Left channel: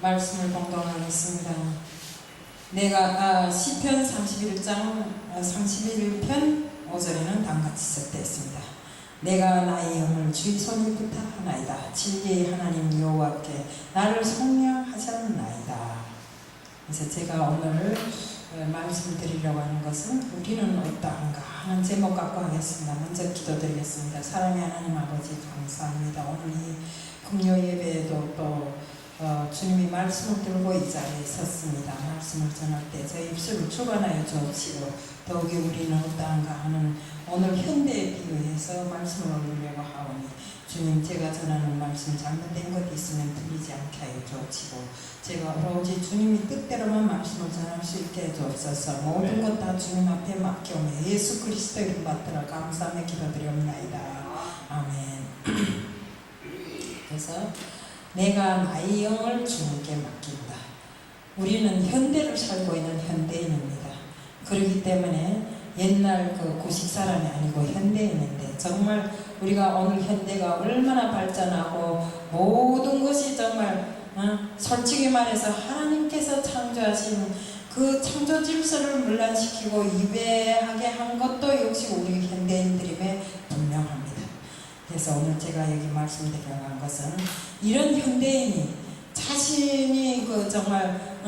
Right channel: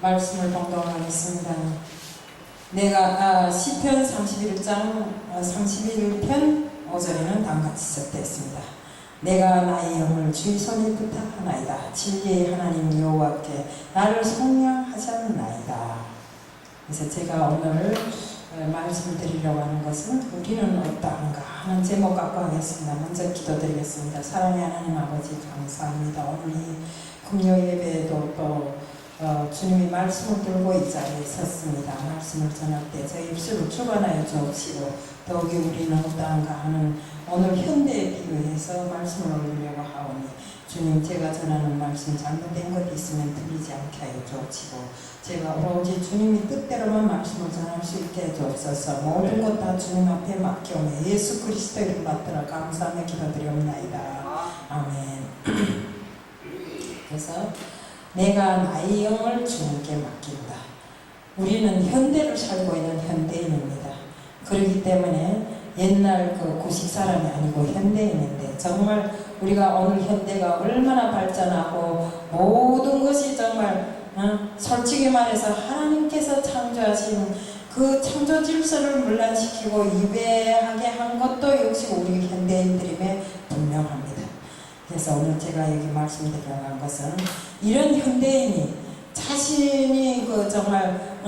말씀을 봉독하겠습니다. 내가 시편 31장 31편 5절에는 다음같이 적되어 있습니다. 내가 나의 영을 주의 손에 부탁하나이다. 진리의 하나님 여호와께 나를 속량하셨나이다. 그래서 제가 오늘 말씀을 드리려고 하는 것은 우리는 어떠한가 하는 제목 갖고 하겠습니다. 먼저 기도드리겠습니다. 사랑의 하나님 아버지 감사합니다. 오늘 이 금요 예배에도 또 주님이 말씀을 들고 이 자리에 섰습니다. 말씀을 전할 때 저희 입술을 주관하여 주옵시고 더욱이 우리는 어떠한가 하는 오늘 현대에 비유해서 말씀을 올리려고 하오니 주님, 제가 전하는 말씀 잘못된 것 있으면 들리지 않게 하여 주옵시고 제가 오로지 주님이 뜻대로만 말씀을 전할 수 있게 해 주옵소서. 모든 것 다 주님 앞에 맡겨오며 예수 그리스도 이름 받들어 감사하며 기도드리옵나이다. 아멘. 그래서 내가 나의 영을 주님께 맡긴다. 우리는 현대를 살고 있는 현대인입니다. 그렇기 때문에 옛날 그 구식 사람이 아니고 현대인인데 정말 우리가 오늘 현대가 얼마나 발전하고 모든 것이 정말 솔직히 말해서 하나님께서 창조하신 그 창조 질서를 문란시키고 위배하게 한 것도 역시 우리 현대인들임에 분명합니다. 그래서 오늘 제가 여기 말씀드리려고 한 것은 이런 현대인이 자신이 그 정말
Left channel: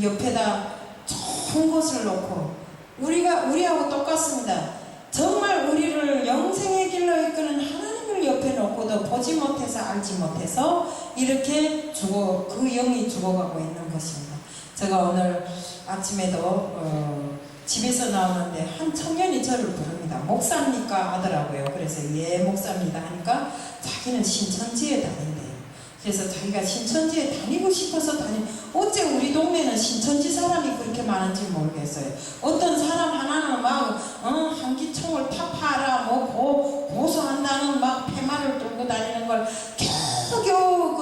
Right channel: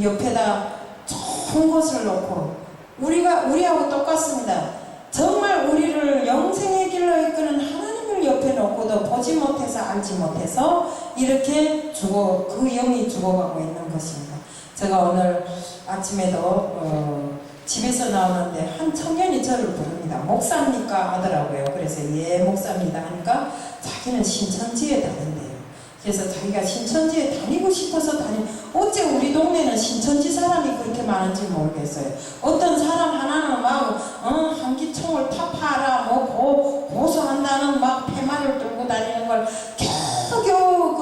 옆에다 좋은 것을 놓고 우리하고 똑같습니다. 정말 우리를 영생의 길로 이끄는 하나님을 옆에 놓고도 보지 못해서 알지 못해서 이렇게 그 영이 죽어가고 있는 것입니다. 제가 오늘 아침에도 집에서 나오는데 한 청년이 저를 부릅니다. 목사입니까? 하더라고요. 그래서 예 목사입니다 하니까 자기는 신천지에 다닌대요. 그래서 자기가 신천지에 다니고 싶어서 어째 우리 동네는 신천지 사람이 그렇게 많은지 모르겠어요. 어떤 사람 하나는 막 한기총을 타파하라 뭐 고소한다는 막 폐말을 들고 다니는 걸 겨우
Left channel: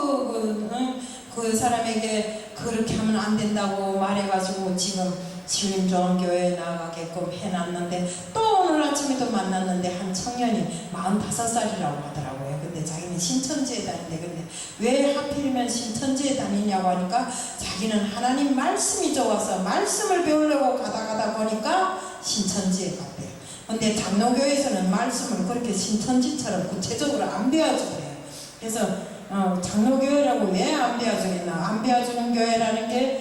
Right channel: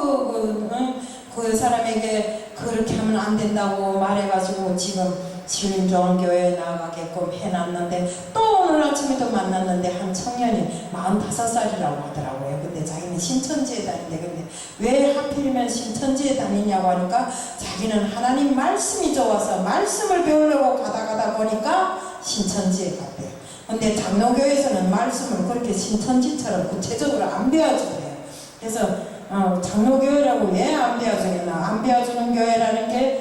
그 사람에게 그렇게 하면 안 된다고 말해가지고 지금 시민 좋은 교회에 나가게끔 해놨는데 또 오늘 아침에도 만났는데 한 청년이 45살이라고 하더라고요. 근데 자기는 신천지에 다니는데 근데 왜 하필이면 신천지에 다니냐고 하니까 자기는 하나님 말씀이 좋아서 말씀을 배우려고 가다 보니까 신천지에 갔대요. 근데 장로교에서는 말씀을 그렇게 신천지처럼 구체적으로 안 배워주더래요. 그래서 장로교회라고 왜 안 배워주겠나? 안 배워주는 교회라는 게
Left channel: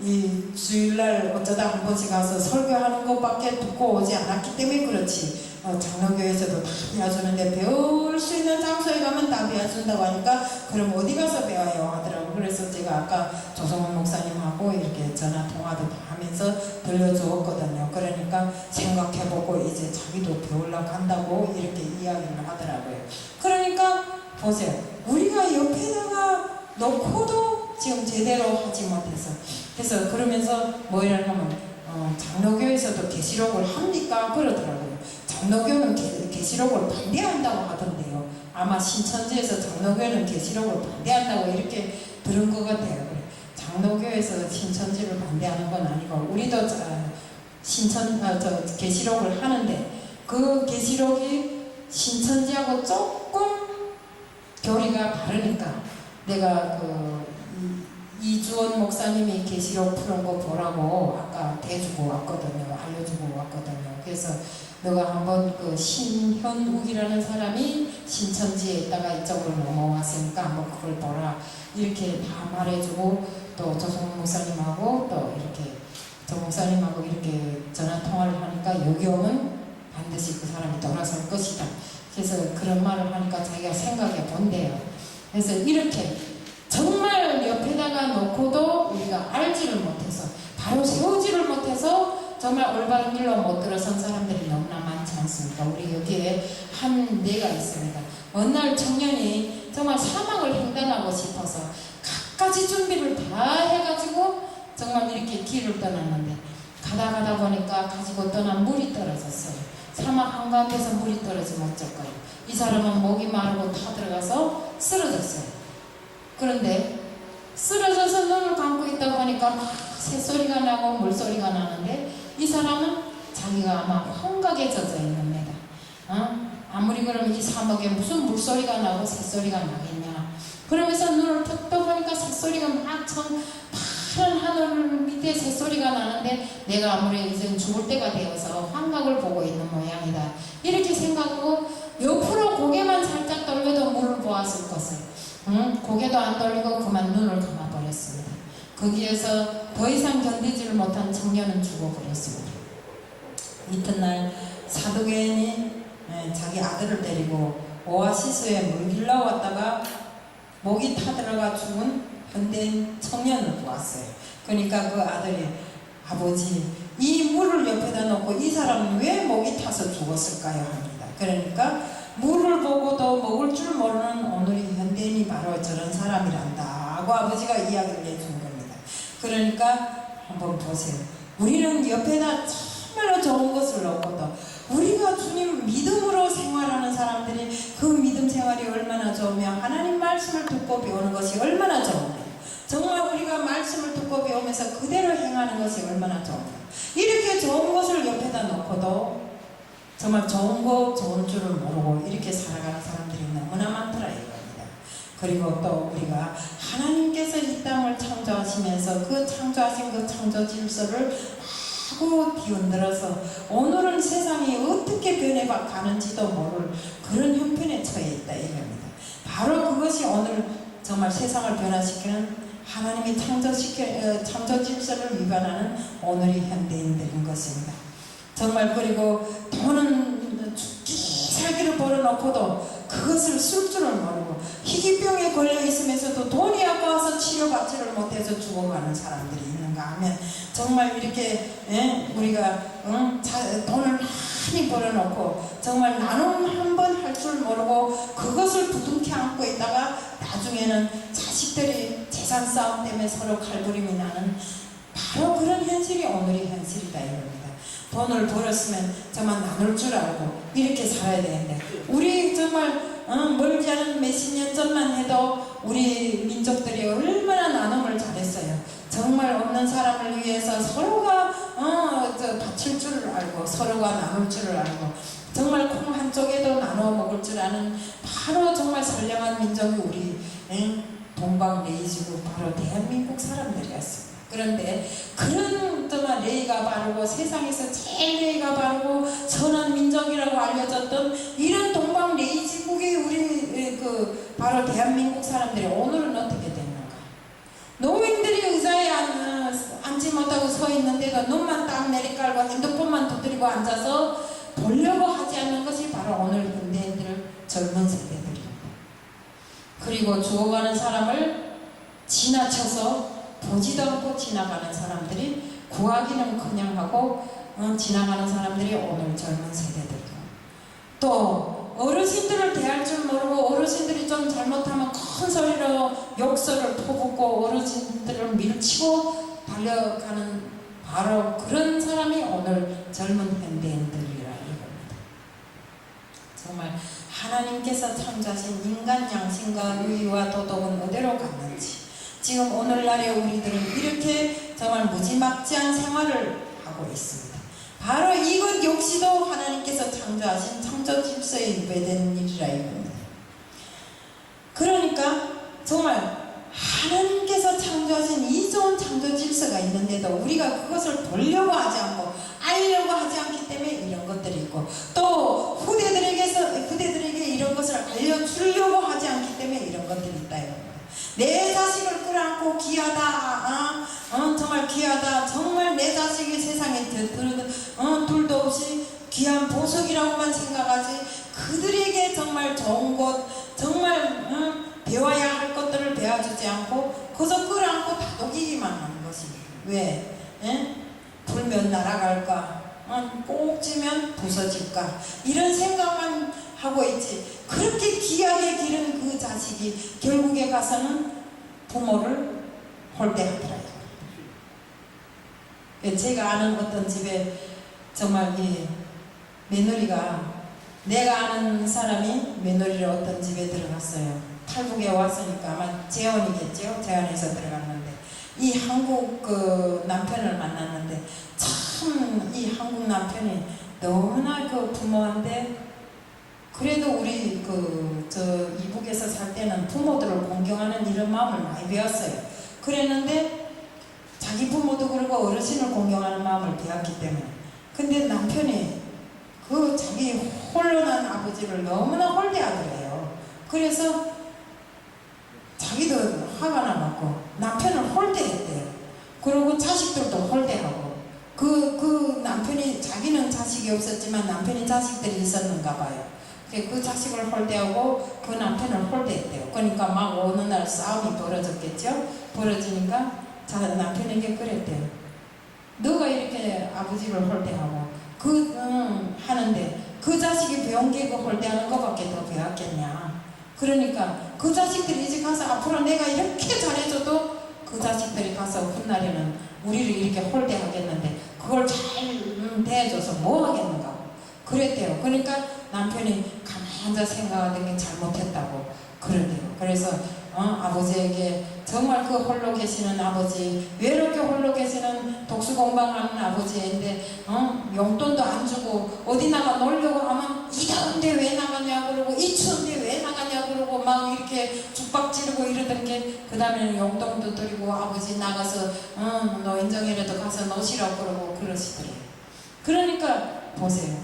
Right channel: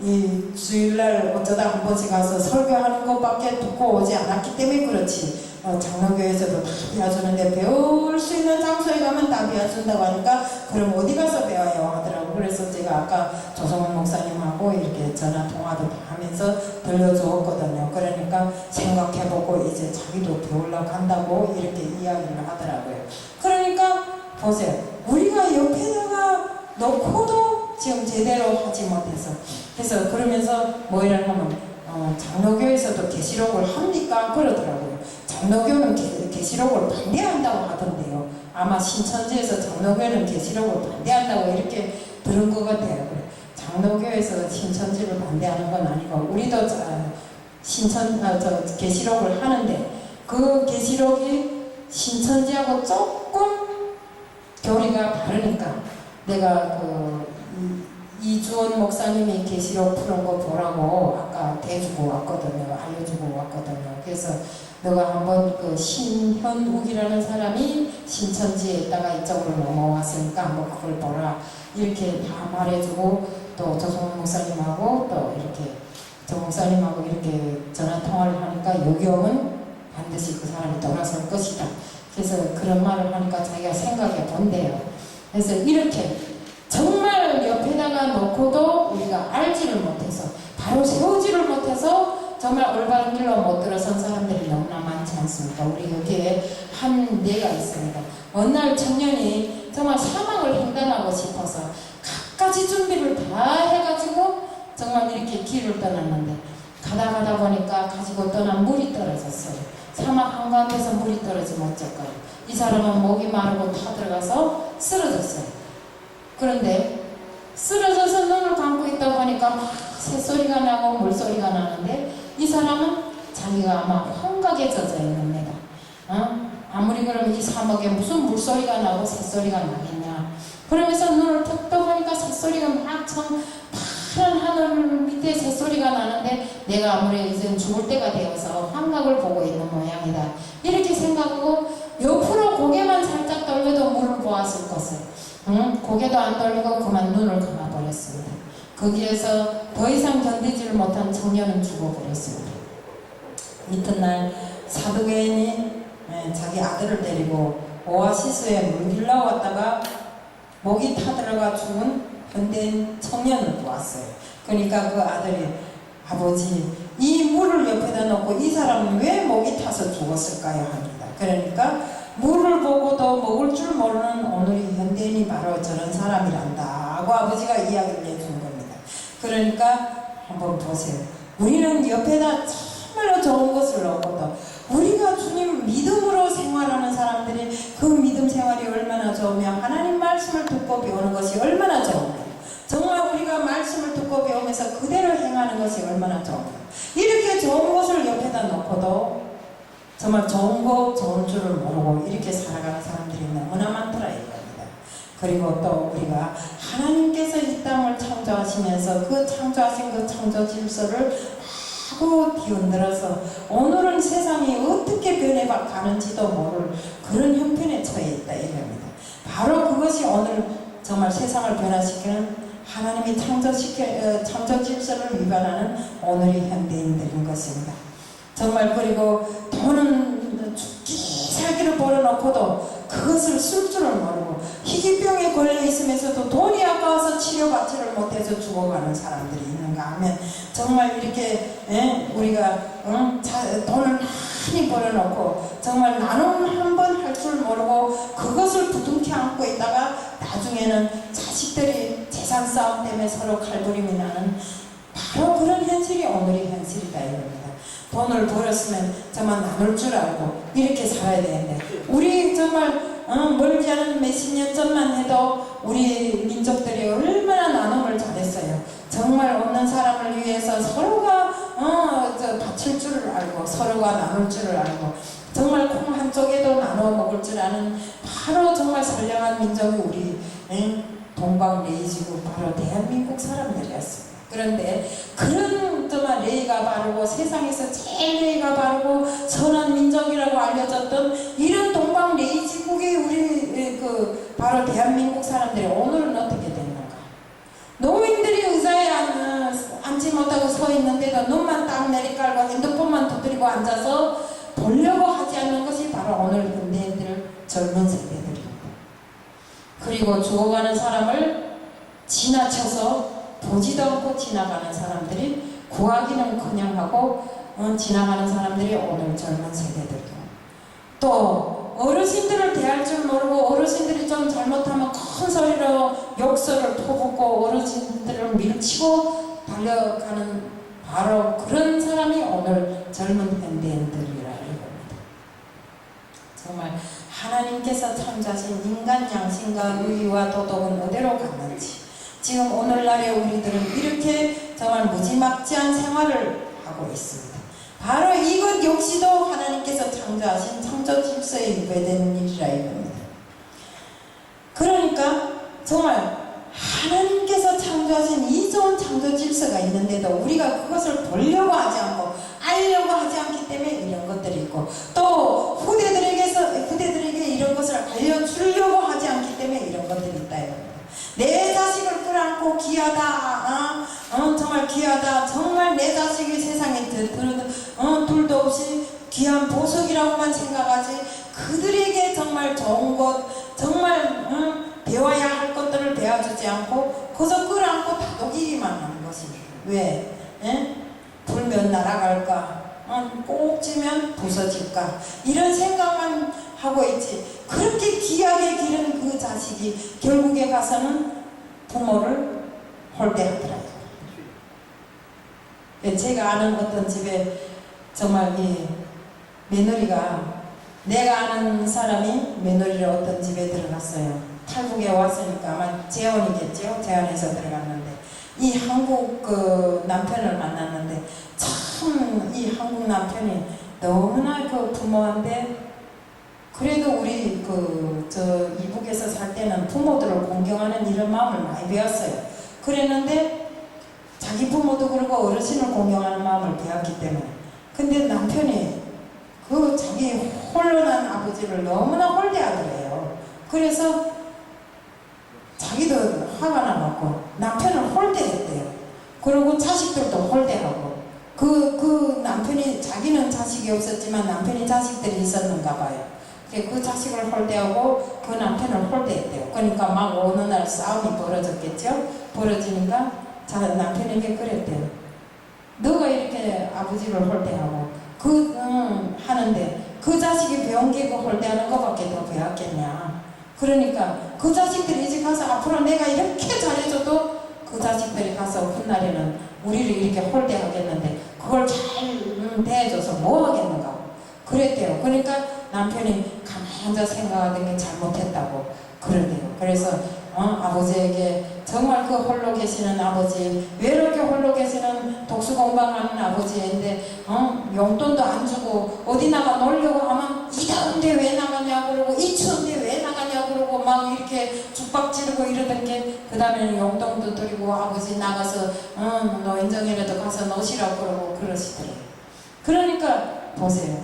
이 주일날 어쩌다 한 번씩 가서 설교하는 것밖에 듣고 오지 않았기 때문에 그렇지. 장로교에서도 다 배워주는데 배울 수 있는 장소에 가면 다 배워준다고 하니까 그럼 어디 가서 배워요 하더라고. 그래서 제가 아까 조성훈 목사님하고 이렇게 전화 통화도 다 하면서 들려주었거든요. 그러니까 생각해보고 이제 자기도 배우려고 한다고 이렇게 이야기를 하더라고요. 그러니까 보세요. 우리가 옆에다가 놓고도 지금 제대로 하지 못해서 그래서 그러면서 뭐 이러냐면 장로교에서도 계시록을 합니까? 그러더라고요. 장로교는 계시록을 반대한다고 하던데요. 아마 신천지에서 장로교는 계시록을 반대한다고 이렇게 들은 것 같아요. 장로교에서 신천지를 반대하는 건 아니고 우리도 계시록을 하는데 그 계시록이 신천지하고 조금 교리가 다르니까 내가 이주원 목사님이 계시록 푸는 거 보라고 아까 대주고 왔거든요. 알려주고 왔거든요. 그래서 너가 한번 그 신현욱이라는 사람이 신천지에 있다가 이쪽으로 넘어왔으니까 한번 그걸 보라 이렇게 다 말해주고 또 조성훈 목사님하고 또 이렇게 조 목사님하고 이렇게 전화 통화를 하니까 요경은 반드시 그 사람이 돌아설 것이다. 그래서 그런 말을 하니까 자기가 생각해 본대요. 그래서 이렇게 정말 옆에다가 놓고도 우리가 알지를 못해서 바로 세우지를 못해서 정말 올바른 길로 못 들어선 사람들이 너무나 많지 않습니까? 우리 여기에 한 예가 있습니다. 어느 날 청년이 정말 사막을 횡단하고 싶어서 갖가지 준비를 다 해가지고 정말 이렇게 길을 떠났는데 가다 보니까 가지고 떠난 물이 떨어졌어요. 사막 한가운데서 물이 떨어지면 어쩔까요? 이 사람은 목이 마르고 타 들어가서 쓰러졌어요. 그런데 쓰러져서 눈을 감고 있다 보니까 막 새소리가 나고 물소리가 나는데 이 사람은 자기가 아마 환각에 젖어 있습니다. 아무리 그러면 이 사막에 무슨 물소리가 나고 새소리가 나겠냐. 그러면서 눈을 탁 떠보니까 새소리가 막 내가 아무리 이제 죽을 때가 되어서 환각을 보고 있는 모양이다. 이렇게 생각하고 옆으로 고개만 살짝 돌려도 물을 보았을 것을 고개도 안 돌리고 그만 눈을 감아버렸습니다. 거기에서 더 이상 견디지를 못한 청년은 죽어버렸습니다. 이튿날 사두개인이 자기 아들을 데리고 오아시스에 물 길러 왔다가 목이 타들어가 죽은 현대인 청년을 보았어요. 그러니까 그 아들이 아버지 이 물을 옆에다 놓고 이 사람은 왜 목이 타서 죽었을까요? 합니다. 그러니까 물을 보고도 먹을 줄 모르는 오늘의 현대인이 바로 저런 사람이란다 하고 아버지가 이야기를 해준 겁니다. 그러니까 한번 보세요. 우리는 옆에다 정말로 좋은 것을 놓고도 우리가 주님 믿음으로 생활하는 사람들이 그 믿음 생활이 얼마나 좋으며 하나님 말씀을 듣고 배우는 것이 얼마나 좋은가요? 정말 우리가 말씀을 듣고 배우면서 그대로 행하는 것이 얼마나 좋은가요? 이렇게 좋은 것을 옆에다 놓고도 정말 좋은 거 좋은 줄을 모르고 이렇게 살아가는 사람들이 너무나 많더라 이겁니다. 그리고 또 우리가 하나님께서 이 땅을 창조하시면서 그 창조하신 그 창조 질서를 하고 뒤흔들어서 오늘은 세상이 어떻게 변해가는지도 모를 그런 형편에 처해 있다 이겁니다. 바로 그것이 오늘 정말 세상을 변화시키는 하나님이 창조 질서를 위반하는 오늘의 현대인들인 것입니다. 정말 그리고 돈은 죽기 살기를 벌어놓고도 그것을 쓸 줄을 모르고 희귀병에 걸려 있으면서도 돈이 아까워서 치료받지를 못해서 죽어가는 사람들이 있는가 하면 정말 이렇게 우리가 돈을 많이 벌어놓고 정말 나눔 한 번 할 줄 모르고 그것을 부둥켜 안고 있다가 나중에는 자식들이 재산 싸움 때문에 서로 칼부림이 나는 바로 그런 현실이 오늘의 현실이다 이겁니다. 돈을 벌었으면 정말 나눌 줄 알고 이렇게 살아야 되는데 우리 정말 멀지 않은 몇십 년 전만 해도 우리 민족들이 얼마나 나눔을 잘했어요. 정말 없는 사람을 위해서 서로가 바칠 줄을 알고 서로가 나눌 줄을 알고 정말 콩 한쪽에도 나눠 먹을 줄 아는 바로 정말 선량한 민족이 우리 동방레이지고 바로 대한민국 사람들이었습니다. 그런데 그런 정말 레이가 바르고 세상에서 제일 레이가 바르고 선한 민족이라고 알려졌던 이런 동방레이지국의 우리 바로 대한민국 사람들이 오늘은 어떻게 됐는가? 노인들이 의자에 앉지 못하고 서 있는데도 눈만 딱 내리깔고 핸드폰만 두드리고 앉아서 보려고 하지 않는 것이 바로 오늘 현대인들 젊은 세대들입니다. 그리고 죽어가는 사람을 지나쳐서 보지도 않고 지나가는 사람들이 구하기는 그냥 하고 지나가는 사람들이 오늘 젊은 세대들이고 또 어르신들을 대할 줄 모르고 어르신들이 좀 잘못하면 큰 소리로 욕설을 퍼붓고 어르신들을 밀치고 달려가는 바로 그런 사람이 오늘 젊은 현대인들이라 이겁니다. 정말 하나님께서 창조하신 인간 양심과 의와 도덕은 어디로 갔는지 지금 오늘날의 우리들은 이렇게 정말 무지막지한 생활을 하고 있습니다. 바로 이것 역시도 하나님께서 창조하신 창조 질서에 위배된 일이라 이겁니다. 그러니까 정말 하나님께서 창조하신 이 좋은 창조 질서가 있는데도 우리가 그것을 보려고 하지 않고 알려고 하지 않기 때문에 이런 것들이 있고 또 후대들에게 이런 것을 알려주려고 하지 않기 때문에 이런 것들이 있다 이겁니다. 내 자식을 끌어안고 귀하다 정말 귀하다 정말 내 자식이 세상에 둘도 없이 귀한 보석이라고만 생각하지 그들에게 정말 좋은 것 정말 배워야 할 것들을 배워주지 않고 그저 끌어안고 다독이기만 하는 것입니다. 왜? 불면 날아갈까? 꼭 쥐면 부서질까? 이런 생각만 하고 있지 그렇게 귀하게 기른 그 자식이 결국에 가서는 부모를 홀대하더라고요. 제가 아는 어떤 집에 정말 이 며느리가 내가 아는 사람이 며느리를 어떤 집에 들어갔어요. 탈북에 왔으니까 아마 재혼이겠죠. 재혼해서 들어갔는데 이 한국 남편을 만났는데 참 이 한국 남편이 너무나 부모한테 그래도 우리 이북에서 살 때는 부모들을 공경하는 이런 마음을 많이 배웠어요. 그랬는데 자기 자기 부모도 그러고 어르신을 공경하는 마음을 배웠기 때문에. 근데 남편이 그 자기 홀로난 아버지를 너무나 홀대하더래요. 그래서 자기도 화가 나갖고 남편을 홀대했대요. 그리고 자식들도 홀대하고. 그 남편이, 자기는 자식이 없었지만 남편이 자식들이 있었는가 봐요. 그 자식을 홀대하고 그 남편을 홀대했대요. 그러니까 막 어느 날 싸움이 벌어졌겠죠. 벌어지니까 남편에게 그랬대요. 너가 이렇게 아버지를 홀대하고 하는데 그 자식이 배운 게 그 홀대하는 것밖에 더 배웠겠냐. 그러니까 그 자식들이 이제 가서 앞으로 내가 이렇게 잘해줘도 그 자식들이 가서 훗날에는 우리를 이렇게 홀대하겠는데 그걸 잘 대해줘서 뭐 하겠는가 그랬대요. 그러니까 남편이 가만히 앉아 생각하던 게 잘못했다고 그러대요. 그래서 아버지에게 정말 그 홀로 계시는 아버지, 외롭게 홀로 계시는 독수공방하는 아버지인데 용돈도 안 주고 어디 나가 놀려고 하면 이 더운데 왜 나가냐 그러고 이 추운데 왜 나가냐 그러고 막 이렇게 죽박 지르고 이러던 게, 그 다음에는 용돈도 드리고 아버지 나가서 노인정이라도 가서 노시라고 그러고 그러시더래요. 그러니까 보세요.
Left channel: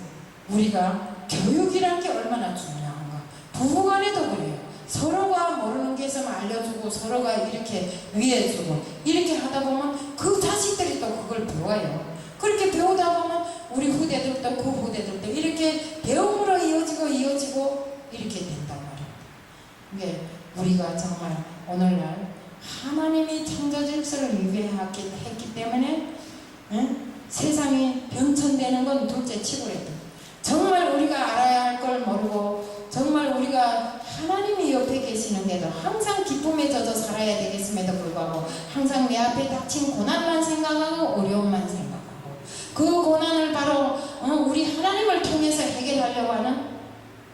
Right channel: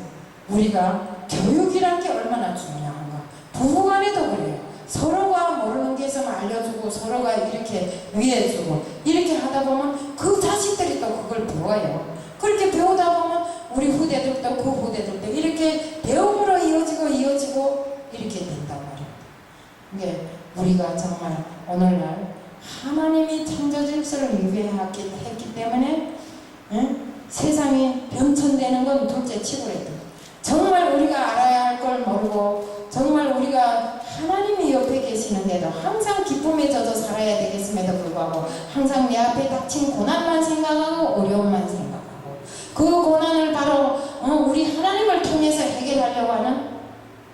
우리가 교육이란 게 얼마나 중요한가. 부부간에도 그래요. 서로가 모르는 게 있으면 알려주고 서로가 이렇게 위해주고 이렇게 하다 보면 그 자식들이 또 그걸 배워요. 그렇게 배우다 보면 우리 후대들도 그 후대들도 이렇게 배움으로 이어지고 이렇게 된단 말이에요. 이게 우리가 정말 오늘날 하나님이 창조 질서를 위배했기 때문에 세상이 변천되는 건 둘째 치고랬다. 정말 우리가 알아야 할 걸 모르고 정말 우리가 하나님이 옆에 계시는데도 항상 기쁨에 젖어 살아야 되겠음에도 불구하고 항상 내 앞에 닥친 고난만 생각하고 어려움만 생각하고 그 고난을 바로 우리 하나님을 통해서 해결하려고 하는,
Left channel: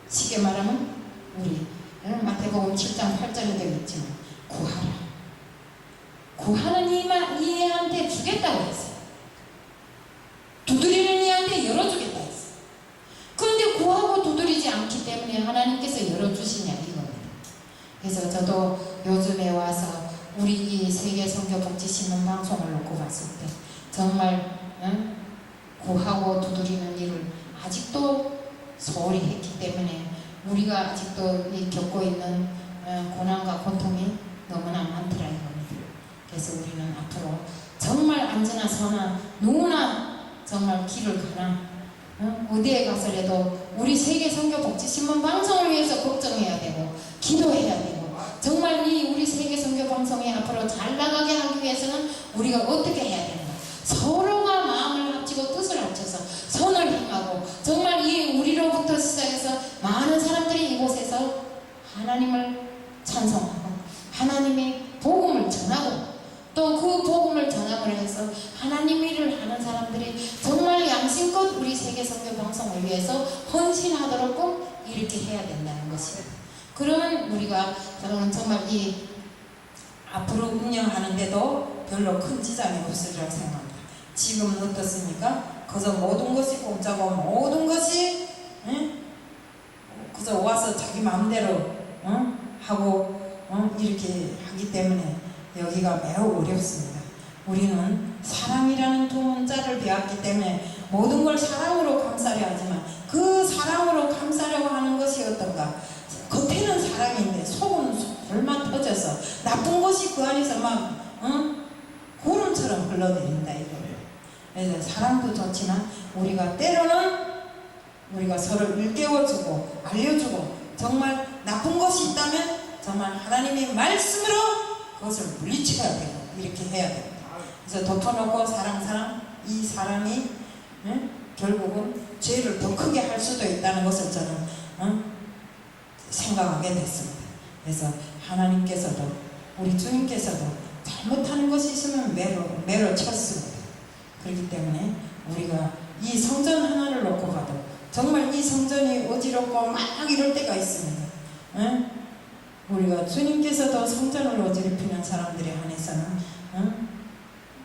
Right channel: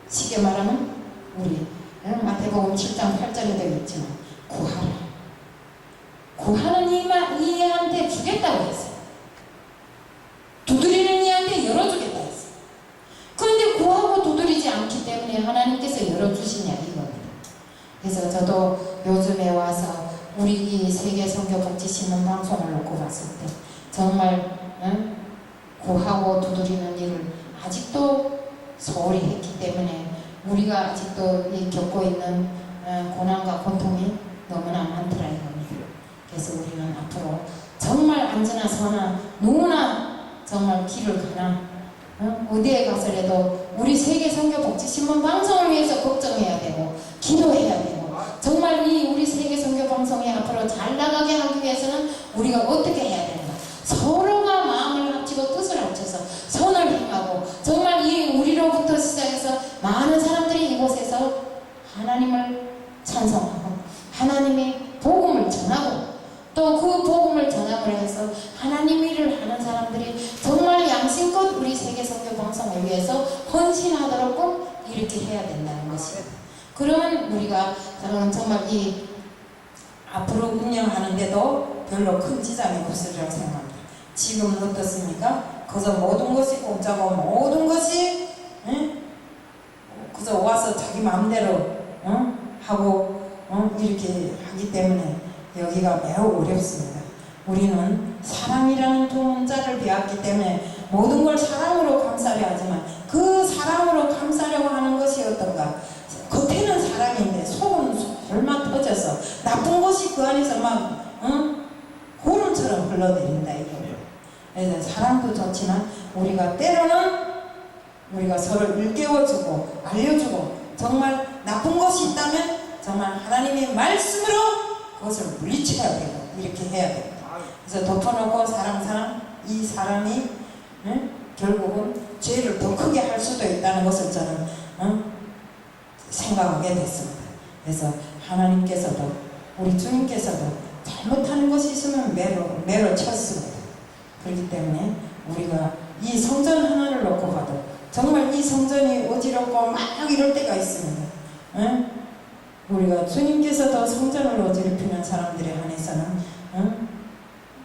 쉽게 말하면 우리 마태복음 7장 8절에도 있지만 구하는 이한테 주겠다고 했어요. 두드리는 이한테 열어주겠다 했어요. 그런데 구하고 두드리지 않기 때문에 하나님께서 열어주시냐 이겁니다. 그래서 저도 요즘에 와서 우리 이 세계선교복지신문 방송을 놓고 봤을 때 정말 구하고 두드리는 일을 아직도 소홀히 했기 때문에 우리가 아직도 겪고 있는 고난과 고통이 너무나 많더라 이겁니다. 그래서 우리는 앞으로 정말 안전한 선한 누구나 정말 길을 가나 어디에 가서라도 우리 세계선교복지신문 방송을 위해서 걱정해야 되고 기도해야 되고, 정말 우리 세계선교방송이 앞으로 잘 나가게 하기 위해서는 우리가 어떻게 해야 되는가. 서로가 마음을 합치고 뜻을 합쳐서 선을 행하고 정말 우리로부터 시작해서 많은 사람들이 이곳에서 하나님을 찬송하고 하나님의 복음을 전하고 또 그 복음을 전함으로 해서 하나님 일을 하는 사람들이 정말 양심껏 우리 세계선교방송을 위해서 헌신하도록 꼭 이렇게 해야 된다는 것입니다. 그러면 우리가 정말 이 앞으로 운영하는데도 별로 큰 지장이 없으리라고 생각합니다. 지금은 어떻습니까? 그저 모든 것이 공짜고 모든 것이 그저 와서 자기 마음대로 하고 이렇게 하기 때문에 여기가 매우 어렵습니다. 우리는 사랑이라는 두 문자를 배웠기 때문에 모든 걸 사랑으로 감싸려 하지만 그 사랑으로 감싸려고 하는 것이 어떤가? 겉에는 사랑인데 속은 얼마 터져서 나쁜 것이 그 안에서 막 구름처럼 흘러내린다 이거예요. 그래서 사랑도 좋지만 우리가 때로는 우리가 서로 일깨워주고 알려주고 정말 나쁜 것이 있다면 정말 하나님의 말씀으로 그것을 물리쳐야 되고 이렇게 해야 됩니다. 그래서 덮어놓고 사랑 이 사람이 결국은 죄를 더 크게 할 수도 있다는 것을 저는 생각하게 됐습니다. 그래서 하나님께서도 우리 주님께서도 잘못하는 것이 있으면 매로 쳤습니다. 그렇기 때문에 우리가 이 성전 하나를 놓고 봐도 정말 이 성전이 어지럽고 막 이럴 때가 있습니다. 우리가 주님께서도 성전을 어지럽히는 사람들에 한해서는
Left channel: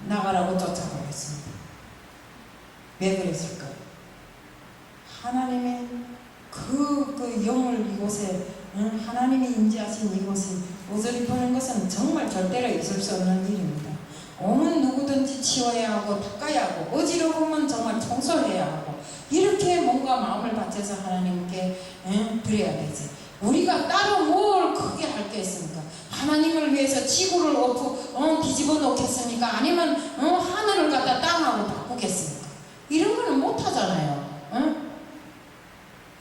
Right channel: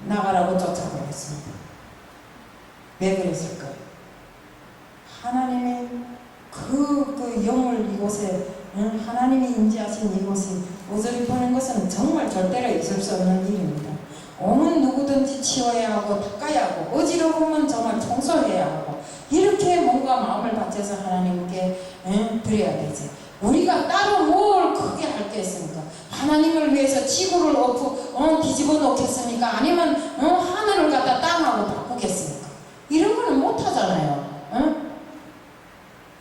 나가라고 쫓아보냈습니다. 왜 그랬을까? 하나님의 그 영을 이곳에 하나님이 임재하신 이곳에 어지럽히는 것은 정말 절대로 있을 수 없는 일입니다. 오면 누구든지 치워야 하고 닦아야 하고 어지러우면 정말 청소해야 하고 이렇게 뭔가 마음을 바쳐서 하나님께 드려야 되지. 우리가 따로 뭘 크게 할 게 있습니까? 하나님을 위해서 지구를 뒤집어 놓겠습니까? 아니면 하늘을 갖다 땅하고 바꾸겠습니까? 이런 거는 못 하잖아요.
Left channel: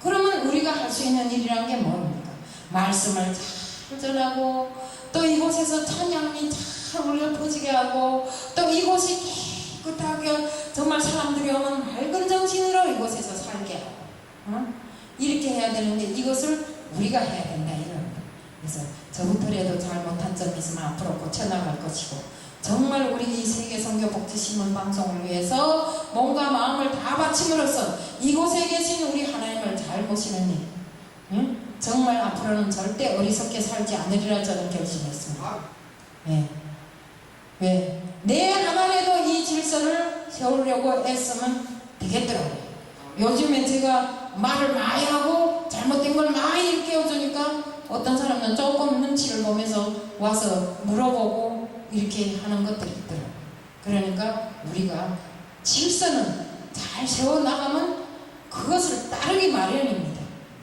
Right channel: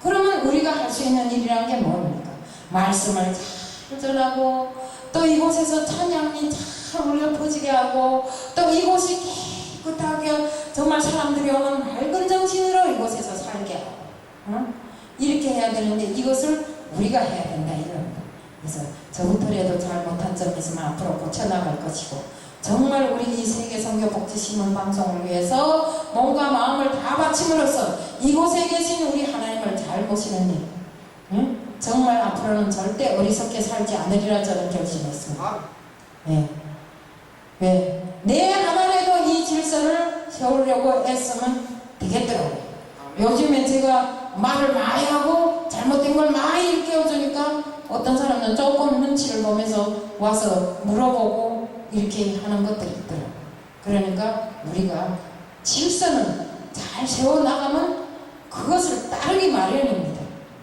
그러면 우리가 할 수 있는 일이란 게 뭡니까? 말씀을 잘 전하고 또 이곳에서 찬양이 잘 울려 퍼지게 하고 또 이곳이 깨끗하게 정말 사람들이 오면 맑은 정신으로 이곳에서 살게 하고 이렇게 해야 되는데 이것을 우리가 해야 된다 이럽니다. 그래서 저부터라도 잘못한 점이 있으면 앞으로 고쳐나갈 것이고 정말 우리 이 세계 선교 복지신문 방송을 위해서 몸과 마음을 다 바침으로써 이곳에 계신 우리 하나님을 잘 모시는 일, 정말 앞으로는 절대 어리석게 살지 않으리라 저는 결심했습니다. 왜? 내 하나라도 이 질서를 세우려고 애쓰면 되겠더라고요. 요즘에 제가 말을 많이 하고 잘못된 걸 많이 일깨워주니까 어떤 사람은 조금 눈치를 보면서 와서 물어보고 이렇게 하는 것들이 있더라고요. 그러니까 우리가 질서는 잘 세워나가면 그것을 따르기 마련입니다.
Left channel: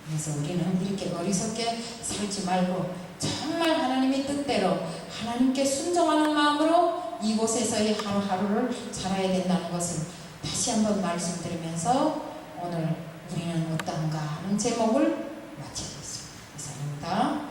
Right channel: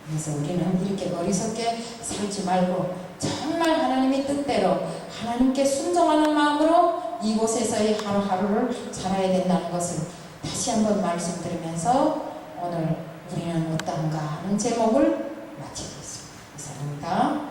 그래서 우리는 이렇게 어리석게 살지 말고 정말 하나님의 뜻대로 하나님께 순종하는 마음으로 이곳에서의 하루하루를 살아야 된다는 것을 다시 한번 말씀드리면서 오늘 우리는 어떤가 하는 제목을 마치겠습니다. 이상입니다.